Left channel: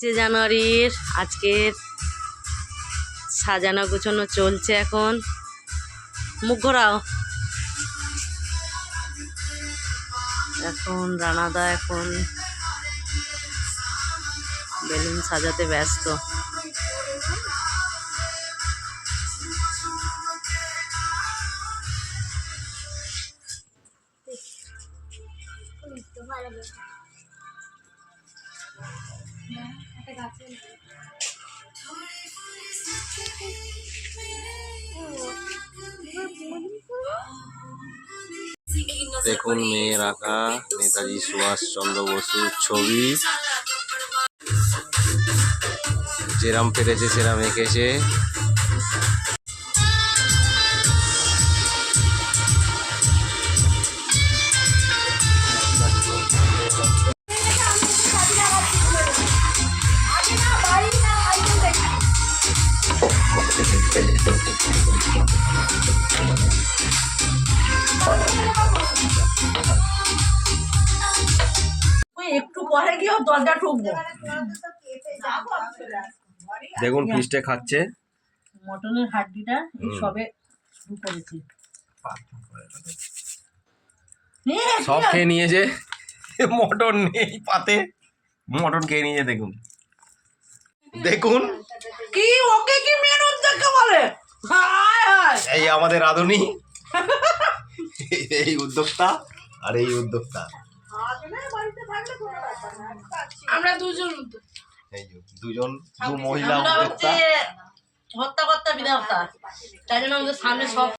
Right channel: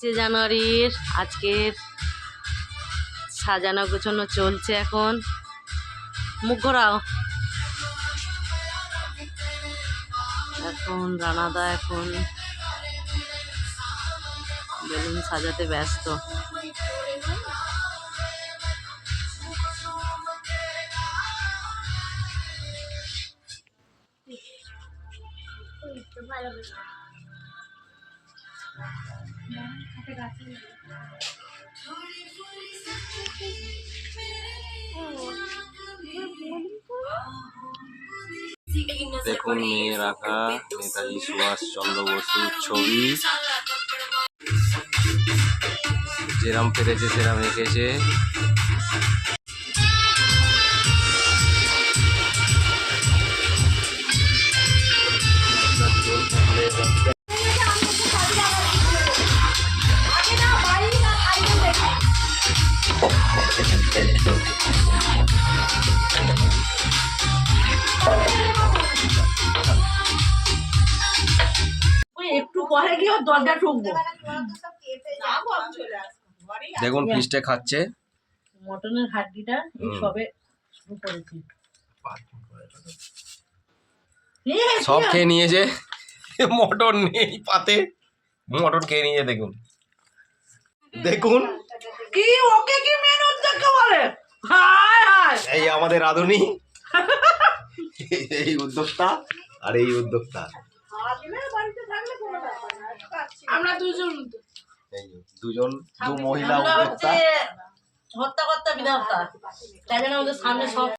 জানুয়ারির আজকের সাজানো গোছানো চলছে। এখন মুখ ঘোরাও। এখন রানাদা এখন বেলুন সাজাতে ব্যস্ত। দেখুন মেয়ের আঁকা নেতাজি সুভাষচন্দ্র বসুর ছবি, যেরাম পেরেছে সেরাম এঁকেছে। একটু পরে গিয়ে দরজা ঠুকবো। দেখুন ফিস্টে খাচ্ছে মটনের হাড্ডিটা এই সবে শুরু করেছি। সব খেয়ে নিয়েছে, মটন নেই পাতে, মটন খেয়ে নিয়েছে। দেখুন দেখুন কি ওকে কি মেন উদ্যোক্তা বলে। হায় হায়, এই আমাদের রাঁধুনি, এই উদ্যোক্তা আর এই উদ্যোক্তা, আমরা দুজন দু মহিলা উদ্যোক্তা। হত্যা করতে বিধাতা, তাই জন্য আমাদের সামনে সব